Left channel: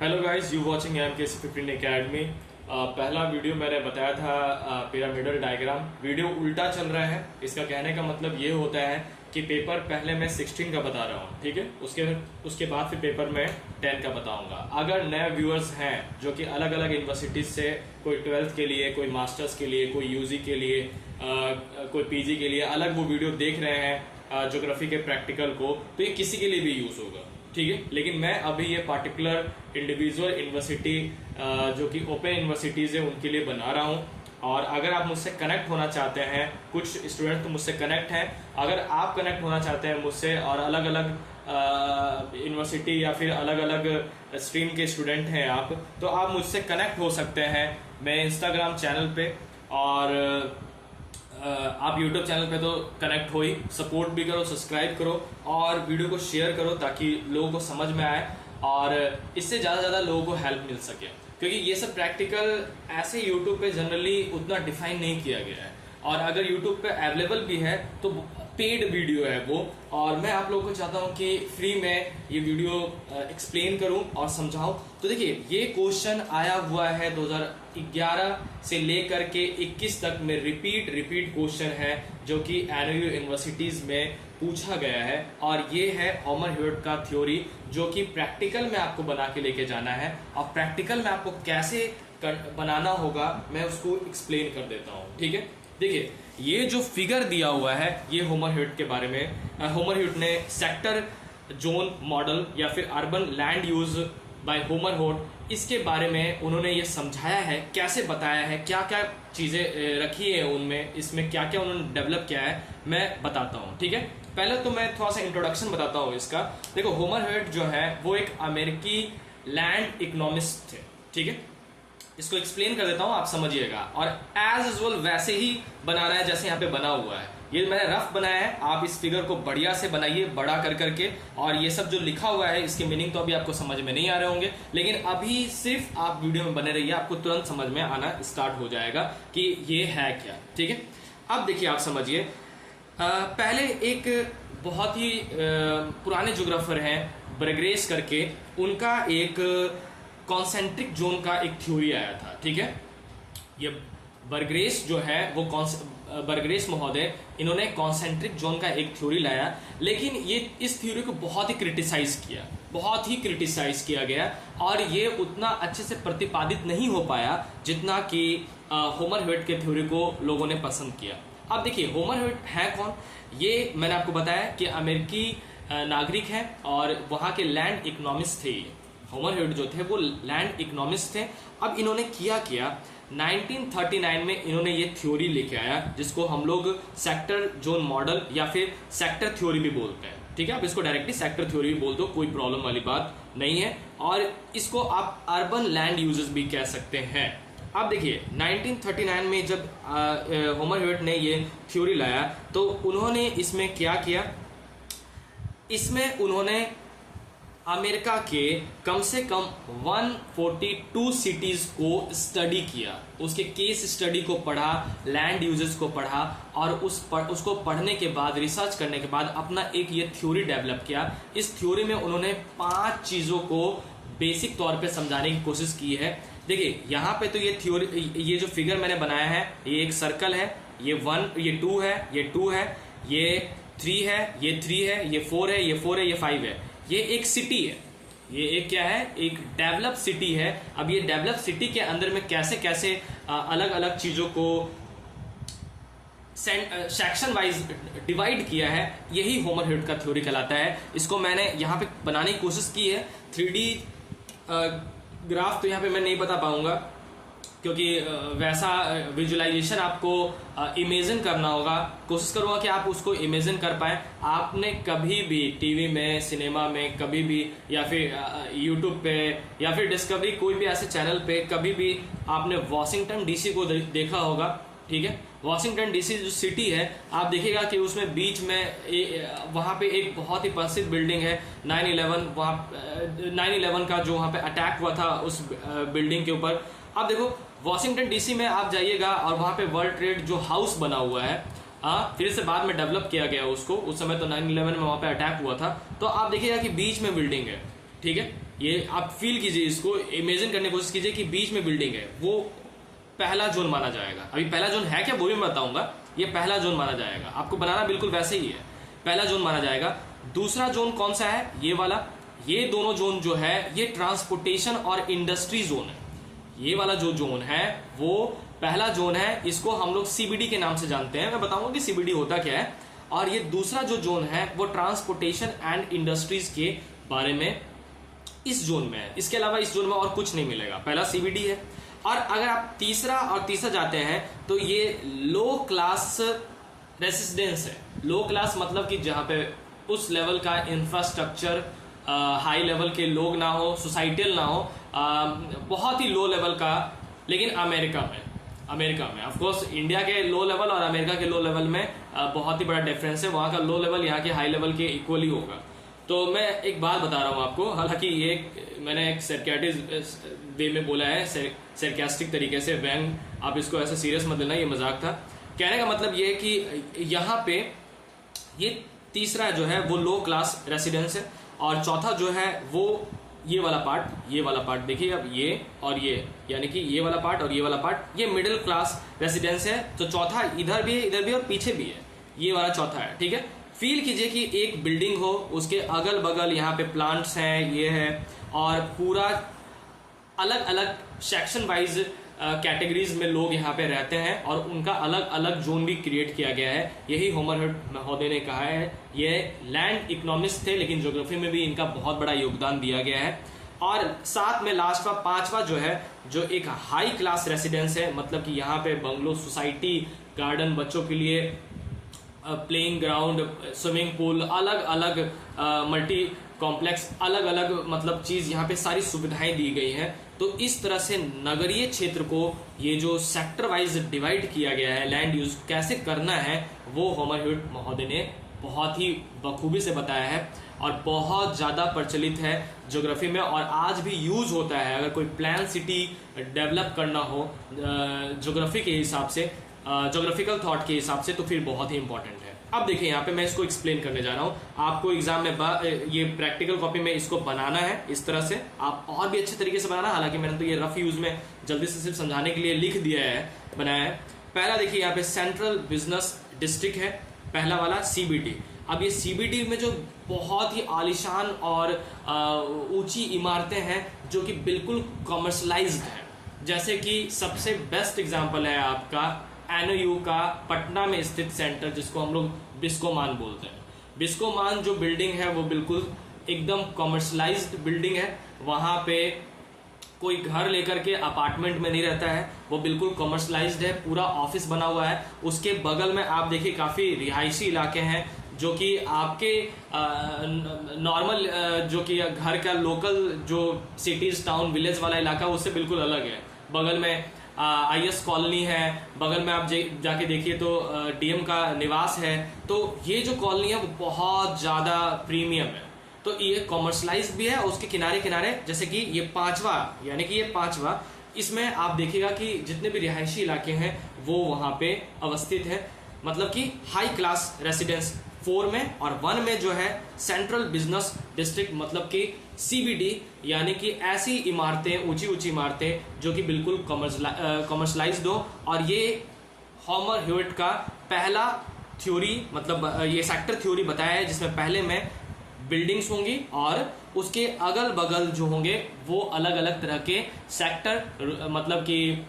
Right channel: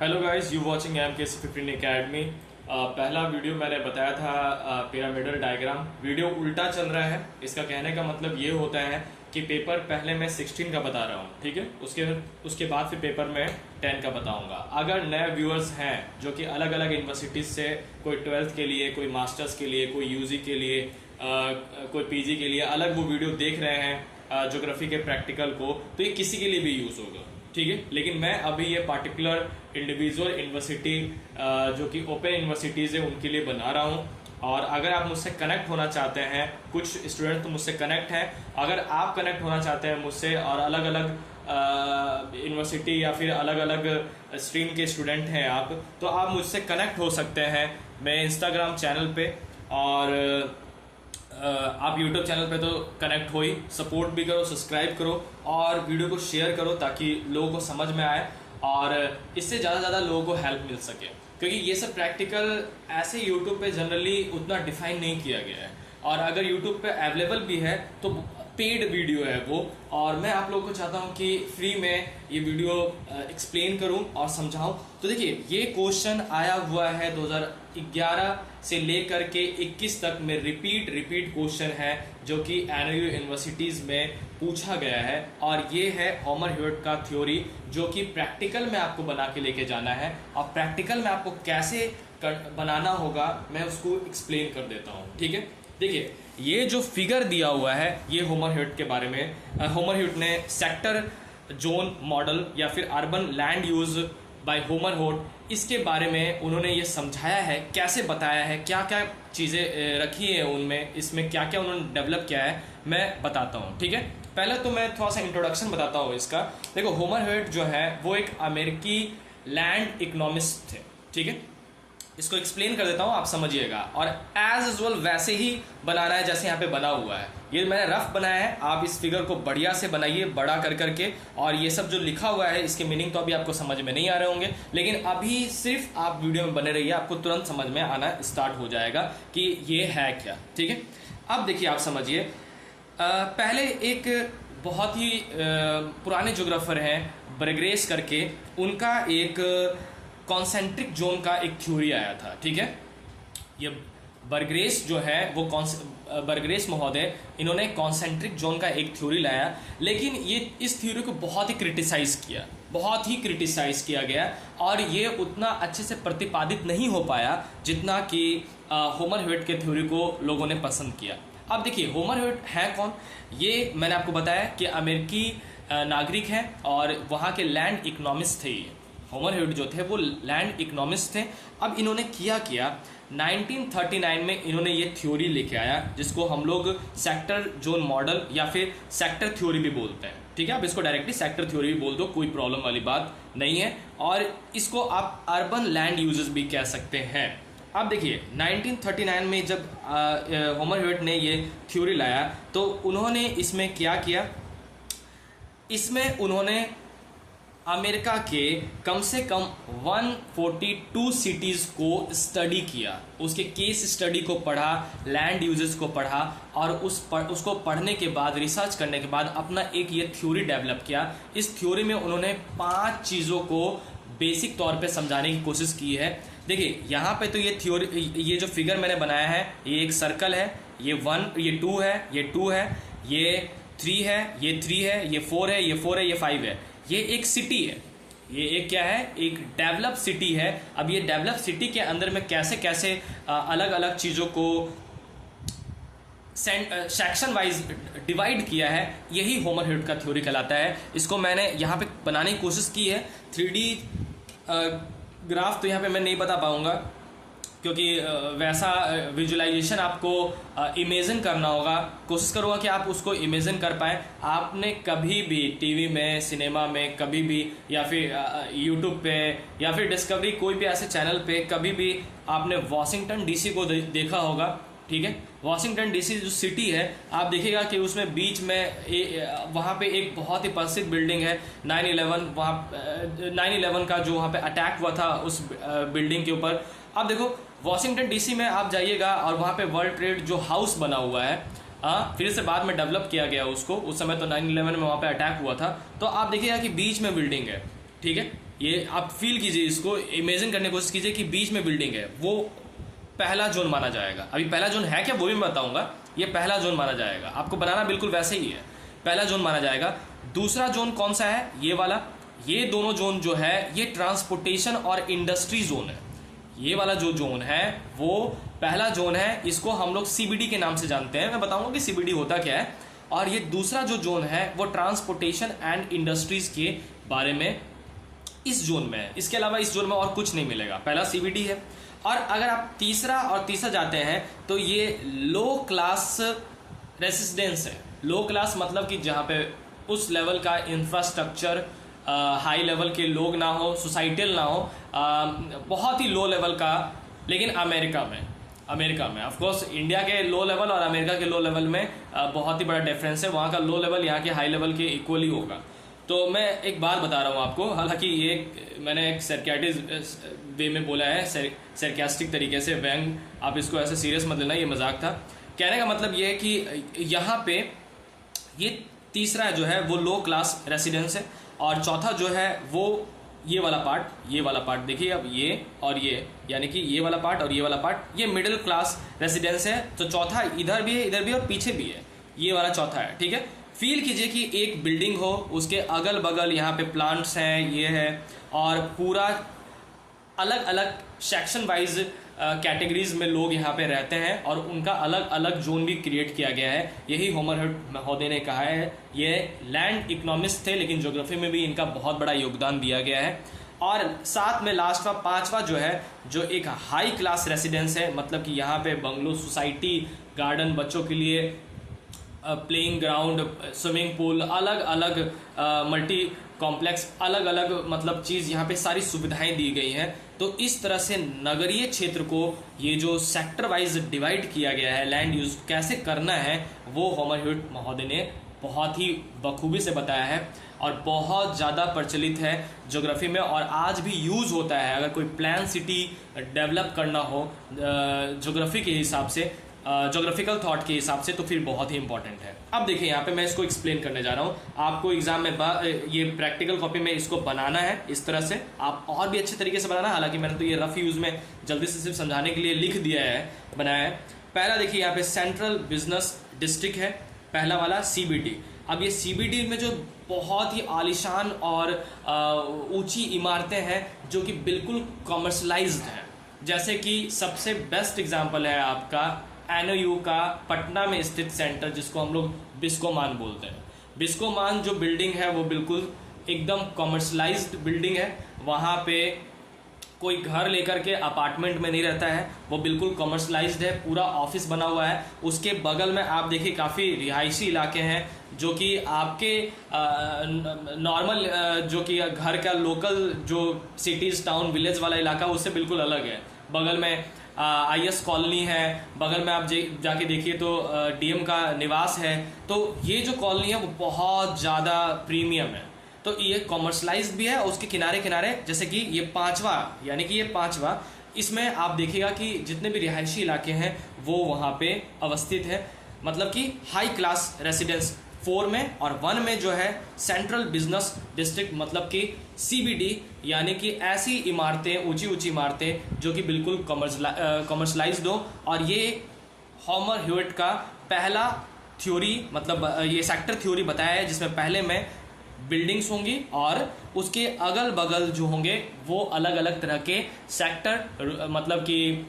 Hello guys, you watching MKC15 academy. पहला video मैंने बताया था पिरामिडल डायग्राम। वीडियो उल्टा चल रहा है। इसका कहने का मतलब ये होता है कि पेपर पहले मैं 16 का बता रहा हूँ, ठीक है। उसके बाद फिर पेपर में 10 का बताऊंगा। अगर नए व्यूअर्स हैं जो कि अलग अलग यूनिवर्सिटीज से, कोई 12th के लिए, कोई मास्टर्स के लिए, कोई यूजी के लिए, कोई पीजी के लिए अलग वो वीडियो देख रहे हैं ज्योग्राफी के प्रैक्टिकल को, तो ये किसी के लिए भी यूज होगा, ठीक है। लेकिन मैं अभी ये पार्टिकुलर इंडिविजुअल यूनिवर्सिटी जो कि ओपन यूनिवर्सिटीज है उनके लिए बना रहा हूँ। और अगर आप मुझसे कनेक्ट होना चाहते हैं, कुछ स्टूडेंट तो मुझसे कनेक्ट हैं, अगर आप कनेक्ट होना चाहते हैं मुझसे और अलग अलग यूनिवर्सिटी या फिर अलग अलग स्ट्रीम के स्टूडेंट हैं आप, तो आप मुझसे कनेक्ट हो सकते हैं। मैं इंस्टाग्राम चैनल पे और आप यूट्यूब चैनल पे तो कनेक्ट हो ही, सपोर्ट भी करो, सब्सक्राइब करो और वीडियो को शेयर करो ताकि लोगों को समझ में आए और इससे ज़्यादा से ज़्यादा लोगों को हेल्प मिल सके। क्योंकि ये सब प्रैक्टिकल ऐसे यूट्यूब पे जनरली उतना डिफाइन नहीं किया गया है, और अगर यूट्यूब पे अवेलेबल भी है तो पेड वीडियो है वो। और मैं आप लोगों को चाहता हूं कि फ्री में ये वीडियो एक्सप्लेन करूं और समझाऊं। तो देखिए, ये क्वेश्चन आया हुआ है 2011 से लेकर के 21 तक में रिपीट क्वेश्चन है जो कि एनयू यूनिवर्सिटीज में पूछा गया है। और ये है होमर ह्यूट का थ्योरी जो कि प्रैक्टिकल में आपको बना के लेके जाना है, और प्रैक्टिकल में आपको कैसे बनाना होगा मैं उसको एक्सप्लेन कर देता हूँ, ठीक है। देखिए, ये जो फिगर दिया हुआ है ये होमर ह्यूट के बारे में। होमर ह्यूट ने सेक्टर जोन मॉडल या फिर urban land use by Homer Hoyt, इसके बारे में उन्होंने ये समझाया है, कैसे बताया है, क्या क्या चीजें रखी है उनमें, इसमें क्या क्या उन्होंने डेवलप किया है, मैं बताता हूँ, ठीक है। पहले तो मैं थोड़ा सा इंट्रोडक्शन बताता हूँ इसका। देखो, होमर ह्यूट जो है वो एक अमेरिकी लैंड इकोनॉमिस्ट थे, ठीक है। इसको एक्सप्लेन कर देता हूं, आप समझिएगा। और एज यूजुअल वैसे ही बनाना है जैसे यहाँ पे बना हुआ है। ये मैंने रफ बनाया है, आप इस फिगर को बढ़िया से बनाइए, बड़ा कर करके। और ये सब जो लिखा हुआ है इसके मीनिंग तो अभी आपको समझ में नहीं आ रहे होंगे, लेकिन अभी सिर्फ आप वीडियो में बने रहिए, आपको तुरंत समझ में आना स्टार्ट हो जाएगा कि ये है क्या, ठीक है। अब देखिए, आप समझिए। पहले एक बहुत ही पुराने ज्योग्राफर हैं बर्गरेस करके, उनका एक कॉन्सेंट्रिक जोन का एक थ्योरी आया था, ठीक है। ये बर्गरेस जो है वो बर्गरेस महोदय, इन्होंने कॉन्सेंट्रिक जोन का एक थ्योरी लाया, लेकिन ये इस थ्योरी को बहुत ही क्रिटिसाइज किया गया और ये उतना अच्छे से प्रतिपादित नहीं हो पाया जितना कि होमर ह्यूट के थ्योरी को लोगों ने पसंद किया। अब देखिए, होमर ह्यूट है कौन? ये मैंने आपको बताया कि अमेरिकी नागरिक हैं और वहां के लैंड इकोनॉमिस्ट थे। होमर ह्यूट जो थे वो लैंड इकोनॉमिस्ट थे। अब इन्होंने किया 1939 में इन्होंने ये थ्योरी लेके आया जिसको हम लोग सेक्टर जोन मॉडल या फिर सेक्टर थ्योरी भी बोलते हैं, ठीक है। आप इसको डायरेक्टली सेक्टर थ्योरी भी बोल दो, कोई प्रॉब्लम वाली बात नहीं है। और इसको आप अर्बन लैंड यूजेस भी कह सकते हैं। अब देखिए, 1939 में जब होमर ह्यूट ने ये थ्योरी लाया तो उन्होंने इसमें क्या किया, इसमें उन्होंने अमेरिका के कम से कम 142 सिटीज को स्टडी किया, उसके केस स्टडी को पढ़ा, लैंड यूजेस को पढ़ा और उसको पढ़ने के बाद, रिसर्च करने के बाद अपना एक ये थ्योरी डेवलप किया। इस थ्योरी में उन्होंने 5 चीजों को बेसिक तौर पे समझाने की कोशिश की है। देखिए, यहाँ पे तो ये थ्योरी, ये जो फिगर मैंने बनाया है ये एक सर्कल है, ये 1, ये 2 है, ये 2 है, ये 3 है, ये 3 है, ये 4 है, ये 4 है, ये 5 है। ये एक सिटी है, ये एक क्या है, एक डेवलप सिटी है। अब ये डेवलप सिटी के अंदर में कैसे कैसे अलग अलग चीजों को सेक्शन वाइज डिवाइड किया है, यही होमर ह्यूट का थ्योरी कहलाता है। इसको मैंने यहाँ पे बनाने की कोशिश की है। 3D ग्राफ तो यहाँ पे मैं नहीं बता पाऊंगा क्योंकि वैसा विजुअलाइजेशन आपको इमेजिन करना होगा। कोशिश करूंगा कि आप उसको इमेजिन कर पाए। आपने कभी भी टीवी में, सिनेमा में, कभी भी, या फिर यूट्यूब पे या फिर डिस्कवरी, कोई भी ऐसे चैनल पे कभी भी आपने वॉशिंगटन डीसी को देखा होगा, ठीक है। वॉशिंगटन डीसी जो सिटी है, आप देखिएगा कि उसमें बीच में वहां पे एक बहुत ही प्रसिद्ध बिल्डिंग है 9/11 का जो वहां पे अटैक हुआ था उस बिल्डिंग के ऊपर। अब देखो, वॉशिंगटन डीसी में आप जाइएगा और वहां पे वर्ल्ड ट्रेड जो हाउस बना हुआ है, फिर से बाद में डेवलप किया गया उसको, उस समय तो 9/11 में वहां पे अटैक हुआ था। तो आप देखिएगा कि बीच में बिल्डिंग है, ठीक है। ये आप फील कीजिए, इसको इमेजिन करने की कोशिश कीजिए कि बीच में बिल्डिंग है, वो पहला जोन माना जाएगा। अभी पहला जोन है क्या वो भी मैं बताऊंगा, ये पहला जोन माना जाएगा। आपको बनाना बिल्कुल वैसे ही है, पहला जोन माना जाएगा। दूसरा जोन कौन सा है, ये वाला। ये दोनों जोन जो है ये ट्रांसपोर्टेशन और इंडस्ट्री जोन है। ये वाला जो जोन है वो पहला जोन है, इसको हम लोग सीबीडी के नाम से जानते हैं। मैं बताऊंगा कि सीबीडी होता क्या है। और ये दूसरा जो जोन है वो ट्रांसपोर्टेशन एंड इंडस्ट्रीज के बारे में इस जोन में है। इसके अलावा इस जोन में और कुछ नहीं मिलेगा, पहला सीबीडी है। और अगर आप तीसरा जाते हैं तो ये लो क्लास रेसिडेंस है। लो क्लास मतलब कि जहां पे उस लेवल का इंफ्रास्ट्रक्चर, हाई लेवल के लोग ना हो, सोसाइटल ना हो, बहुत ही लो लेवल का। लेकिन अमेरिका में ऑफ कोर्स इंडिया के लो लेवल और अमेरिका के लो लेवल में बहुत ही बड़ा डिफरेंस है। वहां का लो लेवल यहाँ के हाई लेवल के इक्वली होगा। तो मैं एक बात बता रहा हूँ आपको, हालांकि ये मैंने एक सरकास्टिक वे में बोला है, सरकास्टिक तरीके से, व्यंग, आप इसको ऐसे सीरियस मत लेना, ये मजाक था। कहने का मतलब ये है कि यहाँ पे ये तीसरा जो है वो लो क्लास रेसिडेंस है, और चौथा जो है वो ये वाला पार्ट देखिए अब, ये और ये, यानी कि ये वाला पार्ट और ये वाला पार्ट, ये मिडिल क्लास रेसिडेंस है। तो चौथा इधर भी है और पीछे भी है, ये वाला चौथा है। ठीक है, फील कीजिए कि एक बिल्डिंग हो, उसके अगल बगल यहाँ पे प्लांट्स हैं, ये है, और पूरा अलग अलग सेक्शन वाइज कैटेगरीज में लोग यहाँ पे रहते हैं, और उनका अलग अलग जोन भी क्रिएट किया गया है। यही होमरहुड महोदय ने कहा है। ये लैंड इकोनॉमिस्ट थे, लेकिन ज्योग्राफी में भी इनका बहुत बड़ा योगदान दिया गया है। और साथ में लास्ट का पांचवा जो है, जो एक हाई क्लास रेसिडेंस है, मतलब कि यहाँ पे बंगलो, सोसाइटी, गार्डन, बच्चों के लिए प्लेइंग ग्राउंड, स्विमिंग पूल, अलग अलग मल्टी कॉम्प्लेक्स, अलग अलग मतलब चीज, यहाँ पे सारी सुविधाएं दी गई हैं। तो इस तरह से नगरीय क्षेत्र को ये जो सेक्टर वाइज डिवाइड किया गया है, लैंड यूज कैसे करना है, वो होमरहुड महोदय ने बहुत ही बखूबी से बताया है, और बहुत ज्यादा प्रचलित है ज्योग्राफी में, और आज भी यूज होता है। अगर कोई प्लान सिटी डेवलप करना हो ज्योग्राफी के हिसाब से, ज्योग्राफिकल थॉट के हिसाब से, तो फिर बहुत ही इंपॉर्टेंट है। अब देखिए यहाँ पे मैं इसको एक्सप्लेन करने जा रहा हूँ आपको। एग्जाम में ये प्रैक्टिकल कॉपी में इसको बनाना है इस तरह से, आप और भी अच्छे तरीके से बनाना। हालांकि मैंने तो ये रफ यूज में जल्दी से सिर्फ समझाने के लिए लिख दिया है, बनाया है। पहला देखिए यहाँ पे सेंट्रल बिजनेस डिस्ट्रिक्ट है, पहला वाला सीबीडी। अब ये सीबीडी में जो बहुत ही आलिशान और ऊंची इमारतें हैं जो कि बिल्कुल कॉमर्शलाइज्ड है, जैसे कि सबसे बेस्ट एग्जांपल है आपका एनओयू का पटना में स्थित सेंटर, जिसको हम लोग बिस्कोमान बोलते हैं। बिस्कोमान जो बिल्डिंग है वो बिल्कुल एकदम कॉमर्शलाइज्ड बिल्डिंग है। वहां पे कोई घर लेकर के अपार्टमेंट में नहीं रहता है, वो बिल्कुल कॉमर्शलाइज्ड है, पूरा ऑफिस बना हुआ है। उसके बगल में आप देखिए काफी रिहायशी इलाके हैं, जो कि आपके नॉर्मल जो कि घर का लोकल जो सिटीज, टाउन, विलेज वाला इलाका उससे बिल्कुल अलग है। बगल में आईएस कॉलोनी है, बगल में आप जाके देखिए तो डीएम का निवास है। तो ये जो कॉलोनी है वो बहुत ज्यादा प्रीमियम है। तो ये कॉमर्शलाइज भी है। उसके किनारे किनारे जैसे कि ये पांचवा, यानी कि ये पांचवा, इसमें आप देखिएगा कि जितने भी रिहायशी इलाके हैं वो वहां पे अवस्थित है, मतलब कि हाई क्लास रेसिडेंस 4 में, और 1 में जो है सेंट्रल बिजनेस डिस्ट्रिक्ट, मतलब कि सीबीडी, यानी कि ऐसी इमारतें, ऊंची ऊंची इमारतें जो कि बिल्कुल कॉमर्शलाइज्ड हो। और ये होमरहुड का पहला थ्योरी, मतलब ये सेक्टर थ्योरी बताया है, जिसमें पहले में बिल्डिंग्स होंगी और उसके अगल बगल जो होंगे वो अलग अलग तरह के सेक्टर, मतलब कि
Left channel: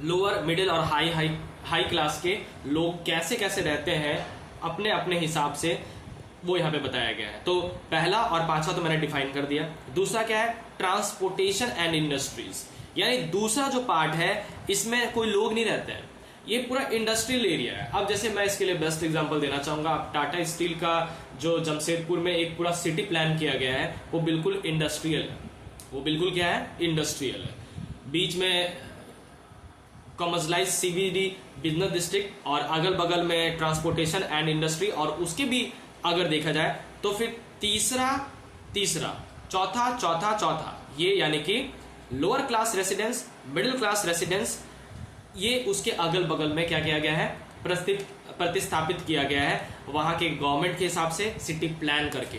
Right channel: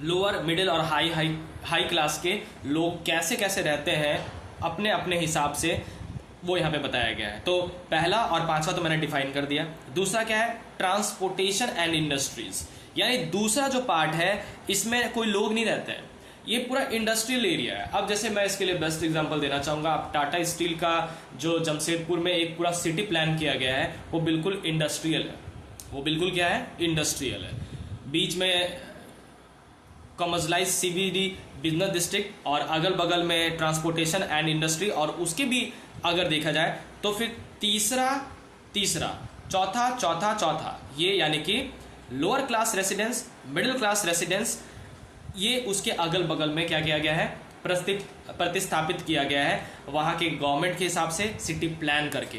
लोअर, मिडिल और हाई क्लास के लोग कैसे कैसे रहते हैं अपने अपने हिसाब से, वो यहाँ पे बताया गया है। तो पहला और पांचवा तो मैंने डिफाइन कर दिया। दूसरा क्या है, ट्रांसपोर्टेशन एंड इंडस्ट्रीज, यानी दूसरा जो पार्ट है इसमें कोई लोग नहीं रहते हैं, ये पूरा इंडस्ट्रियल एरिया है। अब जैसे मैं इसके लिए बेस्ट एग्जांपल देना चाहूंगा, टाटा स्टील का जो जमशेदपुर में एक पूरा सिटी प्लान किया गया है वो बिल्कुल इंडस्ट्रियल है। वो बिल्कुल क्या है, इंडस्ट्रियल है। बीच में कॉमर्शलाइज सीबीडी बिजनेस डिस्ट्रिक्ट और अगल बगल में ट्रांसपोर्टेशन एंड इंडस्ट्री, और उसके भी अगर देखा जाए तो फिर तीसरा चौथा, ये यानी कि lower class residence, middle class residence, ये उसके अगल बगल में क्या किया गया है, प्रतिस्थापित किया गया है वहां के गवर्नमेंट के हिसाब से सिटी प्लान करके।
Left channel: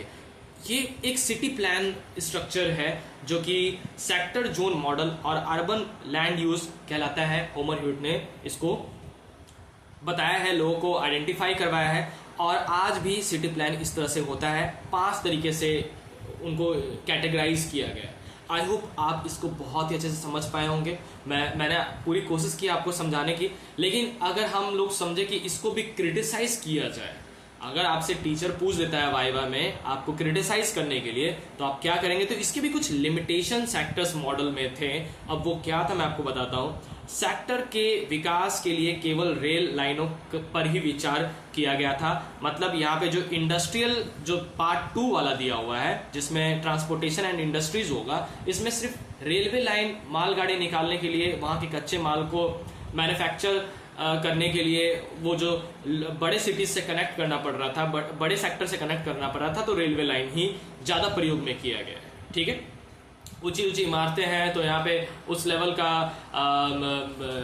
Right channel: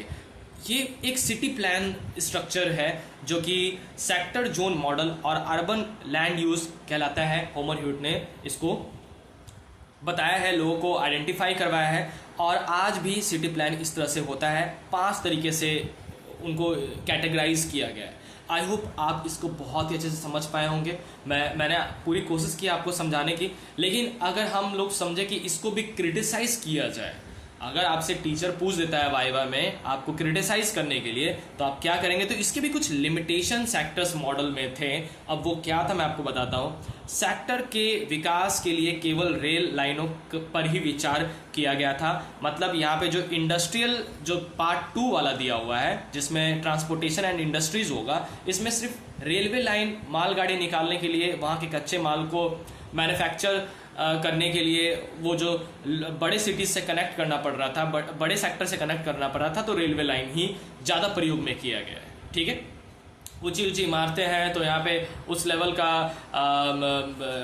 ये एक सिटी प्लान स्ट्रक्चर है जो कि सेक्टर जोन मॉडल और अर्बन लैंड यूज कहलाता है। होमर ह्यूट ने इसको बताया है, लोगों को आइडेंटिफाई करवाया है, और आज भी सिटी प्लान इस तरह से होता है। 5 तरीके से उनको कैटेगराइज किया गया है। आई होप आप इसको बहुत ही अच्छे से समझ पाए होंगे। मैंने पूरी कोशिश की आपको समझाने की, लेकिन अगर हम लोग समझे कि इसको भी क्रिटिसाइज किया जाए, अगर आपसे टीचर पूछ देता है वाइवा में आपको क्रिटिसाइज करने के लिए, तो आप क्या करेंगे? तो इसके भी कुछ लिमिटेशन सेक्टर्स मॉडल में थे। अब वो क्या था मैं आपको बताता हूँ। सेक्टर के विकास के लिए केवल रेल लाइनों पर ही विचार किया गया था। मतलब यहाँ पे जो इंडस्ट्रियल जो पार्ट 2 वाला दिया हुआ है, जिसमें ट्रांसपोर्टेशन एंड इंडस्ट्रीज होगा, इसमें सिर्फ रेलवे लाइन मालगाड़ी निकालने के लिए, वहाँ के कच्चे माल को मैन्युफैक्चर करने के लिए वो जो बड़े सिटीज से कनेक्ट करना पड़ रहा था, बड़े सेक्टर से कनेक्ट करना पड़ रहा था, तो रेलवे लाइन ही ज़्यादा प्रयोग में किया गया है। ठीक है, ऊंची ऊंची इमारतें हैं तो यहाँ पे उस लेवल का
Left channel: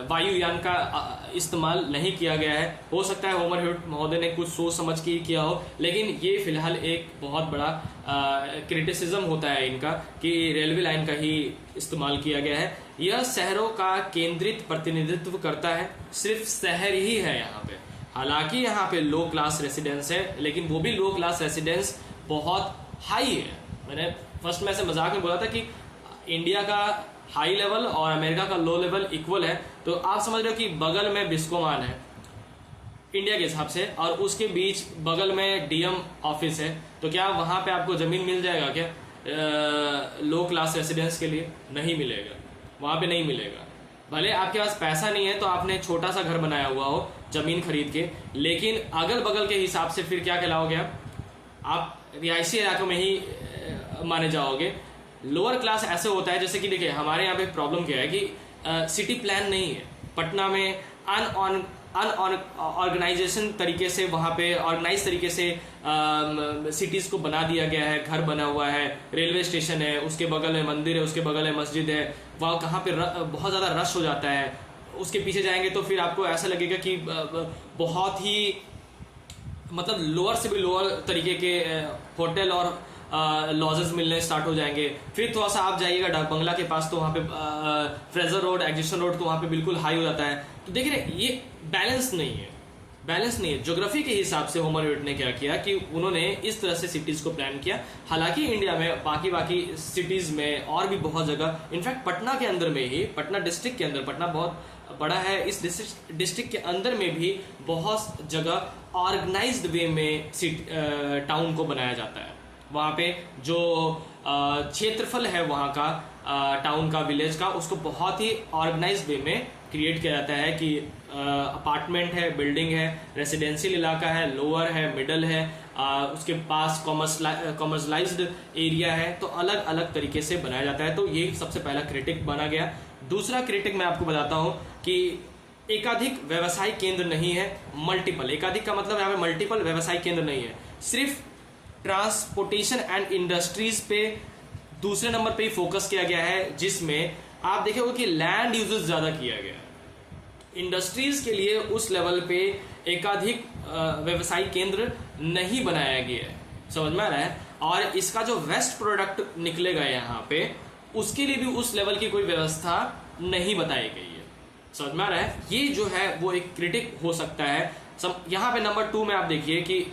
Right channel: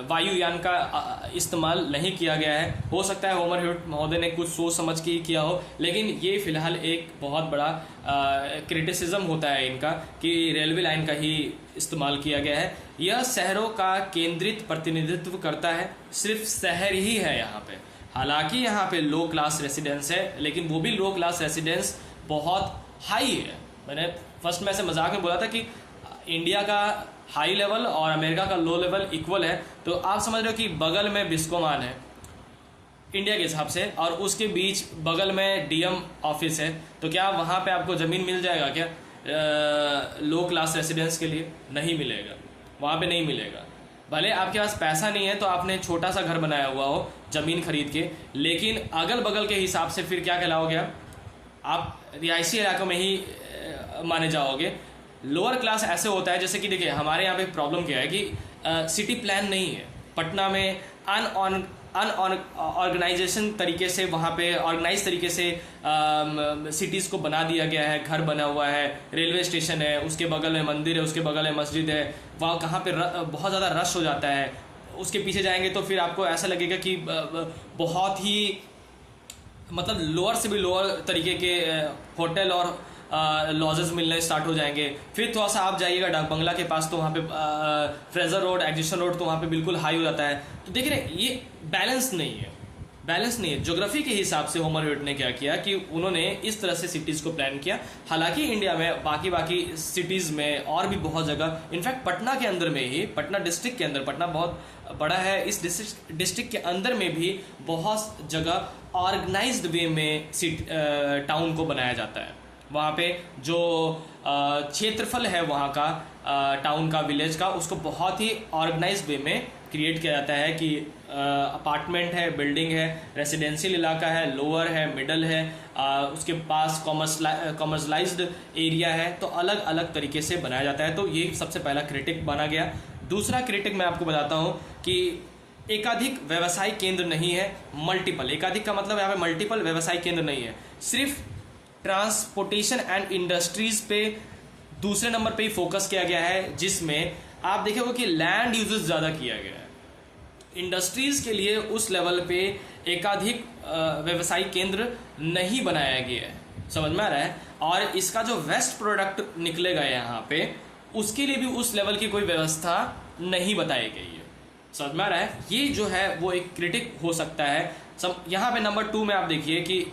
वायुयान का इस्तेमाल नहीं किया गया है। हो सकता है होमर ह्यूट महोदय ने कुछ सोच समझ के किया हो, लेकिन ये फिलहाल एक बहुत बड़ा क्रिटिसिज्म होता है इनका कि रेलवे लाइन का ही इस्तेमाल किया गया है। यह शहरों का केंद्रित प्रतिनिधित्व करता है, सिर्फ शहर ही है यहाँ पे। हालांकि यहाँ पे लो क्लास रेसिडेंस है, लेकिन वो भी लो क्लास रेसिडेंस बहुत हाई है। मैंने फर्स्ट में ऐसे मजाक में बोला था कि इंडिया का हाई लेवल और अमेरिका का लो लेवल इक्वल है, तो आप समझ रहे हो कि बगल में बिस्कोमान है इंडिया के हिसाब से, और उसके बीच बगल में डीएम ऑफिस है, तो क्या वहां पे आपको जमीन मिल जाएगा क्या लो क्लास रेसिडेंस के लिए? नहीं मिलेगा, वहां पे नहीं मिलेगा। भले आपके पास पैसा नहीं है तो आपने छोटा सा घर बनाया हुआ हो जमीन खरीद के, लेकिन अगल बगल के हिसाब से फिर क्या कहलाओगे आप रिहायशी इलाकों में ही माने जाओगे। लोअर क्लास ऐसे होता है, जैसे कि देखिए हमारे यहाँ पे प्रॉब्लम क्या है कि सिटी प्लान नहीं है। पटना में अनऑर्गेनाइजेशन तरीके से, वहाँ पे ऑर्गेनाइज तरीके से सिटीज को बना दिया गया है। घर बना हुआ है, रेलवे स्टेशन है, उसके बगल में मंदिर है, उसके बगल में मस्जिद है, वहाँ कहाँ पे बहुत ज़्यादा रश हो जाता है। उसके पीछे जाएंगे तो फिर आपको ऐसा लगेगा कि बहुत ही मतलब लोअर से भी लोअर तरीके के होटल और लॉजेस मिलने स्टार्ट हो जाएंगे। फिर थोड़ा सा आप जाइएगा डाक बंगला के पास, तो वहाँ पे फ्रेजर रोड, एग्जिशन रोड, तो वहाँ पे बिल्कुल हाई हो जाता है। तो देख रहे ये बैलेंस नहीं है, बैलेंस नहीं है। ज्योग्राफी के हिसाब से होमर ह्यूट ने क्या किया कि उन्होंने इस तरह से सिटीज को प्लान किया। हालांकि इंडिया में बाकी सिटीज में और भी बहुत जगह, इनफैक्ट पटना के अंदर में ही, पटना डिस्ट्रिक्ट के अंदर, पटना बहुत बड़ा है, इस डिस्ट्रिक्ट के अंदर में भी बहुत जगह ऑर्गेनाइज्ड वे में टाउन को बनाया जाता है। वहाँ पे जो क्षेत्रफल है वहाँ का टाउन का, विलेज का, उसको बहुत ही ऑर्गेनाइज्ड वे में क्रिएट किया जाता है कि अपार्टमेंट है, बिल्डिंग है, रेसिडेंशियल इलाका है, लोअर है, मिडल है, उसके पास कॉमर्शलाइज्ड एरिया है, तो अलग अलग तरीके से बनाया जाता है। तो ये सबसे पहला क्रिटिक बना गया। दूसरा क्रिटिक मैं आपको बताता हूँ कि एकाधिक व्यवसायिक केंद्र नहीं है, मल्टीपल। एकाधिक का मतलब यहाँ पे मल्टीपल व्यवसायिक केंद्र नहीं है, सिर्फ ट्रांसपोर्टेशन एंड इंडस्ट्रीज पे दूसरे नंबर पे ही फोकस किया गया है, जिसमें आप देखोगे कि लैंड यूजेस ज्यादा किया गया है। इंडस्ट्रीज के लिए उस लेवल पे एकाधिक व्यवसायिक केंद्र नहीं बनाया गया है, समझ में आ रहा है। और इसका जो वेस्ट प्रोडक्ट निकलेगा यहाँ पे, उसके लिए भी उस लेवल की कोई व्यवस्था नहीं बताई गई है, समझ में आ रहा है। ये जो है वो एक क्रिटिक हो सकता है। यहाँ पे नंबर 2 में आप देखिए कि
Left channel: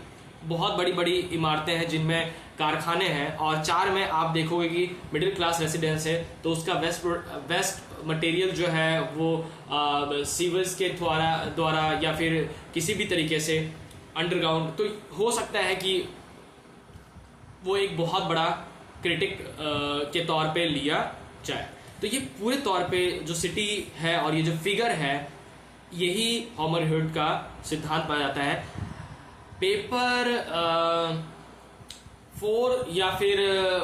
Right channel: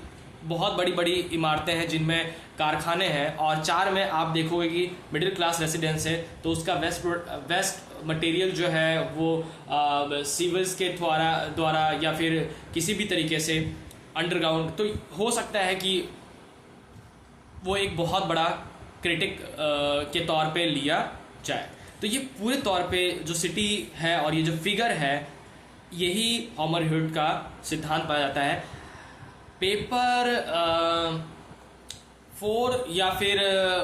बहुत बड़ी बड़ी इमारतें हैं जिनमें कारखाने हैं, और 4 में आप देखोगे कि मिडिल क्लास रेसिडेंस है, तो उसका वेस्ट मटेरियल जो है वो सीवेज के द्वारा या फिर किसी भी तरीके से अंडरग्राउंड, तो हो सकता है कि वो एक बहुत बड़ा क्रिटिक के तौर पे लिया जाए। तो ये पूरे तौर पे जो सिटी है और ये जो फिगर है, यही होमर ह्यूट का सिद्धांत पाया जाता है। पेपर 4 या फिर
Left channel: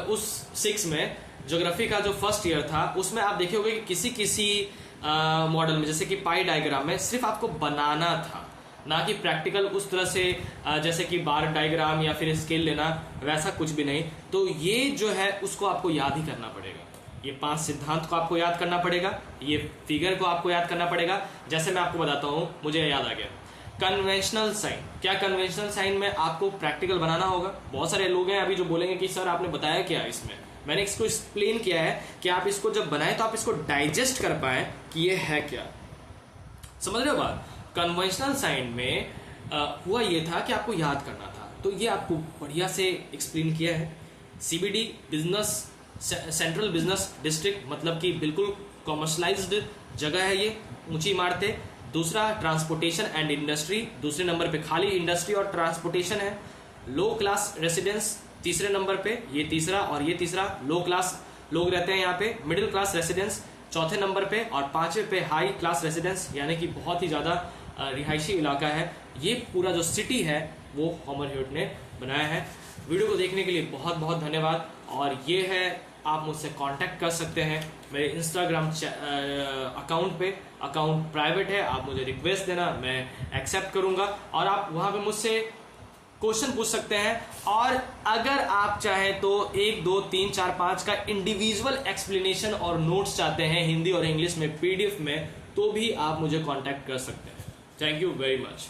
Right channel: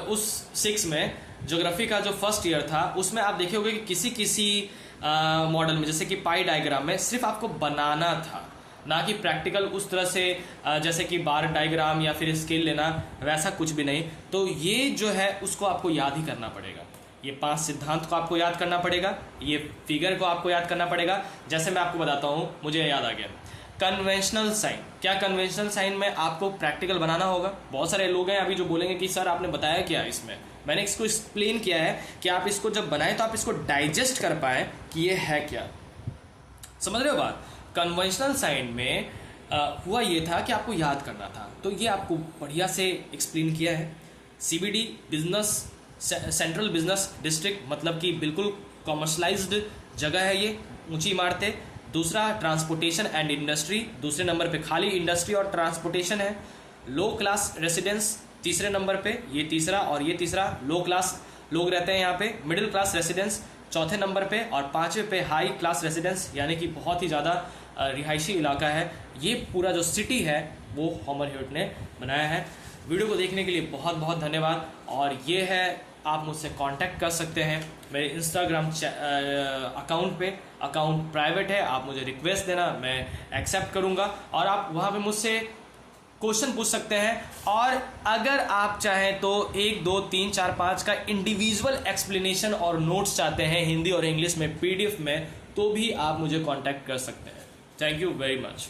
उस 6 में ज्योग्राफी का जो फर्स्ट ईयर था, उसमें आप देखोगे कि किसी मॉडल में, जैसे कि पाई डायग्राम में, सिर्फ आपको बनाना था, ना कि प्रैक्टिकल उस तरह से जैसे कि बार डायग्राम या फिर स्केल लेना, वैसा कुछ भी नहीं। तो ये जो है उसको आपको याद ही करना पड़ेगा। ये 5 सिद्धांत को आपको याद करना पड़ेगा, ये फिगर को आपको याद करना पड़ेगा। जैसे मैं आपको बताता हूँ, मुझे याद आ गया। Conventional sign. क्या कन्वेंशनल साइन में आपको प्रैक्टिकल बनाना होगा? बहुत सारे लोग हैं अभी जो बोलेंगे कि सर आपने बताया क्या इसमें। मैंने इसको एक्सप्लेन किया है कि आप इसको जब बनाए तो आप इसको डाइजेस्ट कर पाए कि ये है क्या। समझ रहे हो बात? कन्वेंशनल साइन में हुआ ये था कि आपको याद करना था, तो ये आपको बढ़िया से एक्सप्लेन किया है। CBD business central business district, मतलब कि बिल्कुल कॉमर्शलाइज्ड जगह है ये, ऊंची इमारतें। दूसरा ट्रांसपोर्टेशन एंड इंडस्ट्री, दूसरे नंबर पे खाली इंडस्ट्री और ट्रांसपोर्टेशन है। लो क्लास रेसिडेंस तीसरे नंबर पे, ये तीसरा और ये तीसरा, लो क्लास लोग रहते हैं यहाँ पे। मिडिल क्लास रेसिडेंस चौथे नंबर पे, और पांचवें पे हाई क्लास रेसिडेंस, यानी कि बहुत ही ज्यादा रिहायशी इलाका है। ये पूरा जो सिटी है वो हॉमर ह्यूट ने बनाया है। वीडियो को देखने के लिए बहुत बहुत धन्यवाद। और ये है, आप मुझसे कांटेक्ट कर सकते हैं मेरे इंस्टाग्राम अकाउंट पे। अकाउंट प्राइवेट है, आप मुझे रिक्वेस्ट देना, मैं एक्सेप्ट करूंगा और आप वहां पे मुझसे क्वेश्चन पूछ सकते हैं। और अगर आप चाहें तो 1, 2, 3, 4, 5 का इंडिविजुअल एक्सप्लेनेशन और नोट्स चाहते हैं हिंदी और इंग्लिश में PDF में, तो भी आप मुझे कांटेक्ट कर सकते हैं। Thank you very much.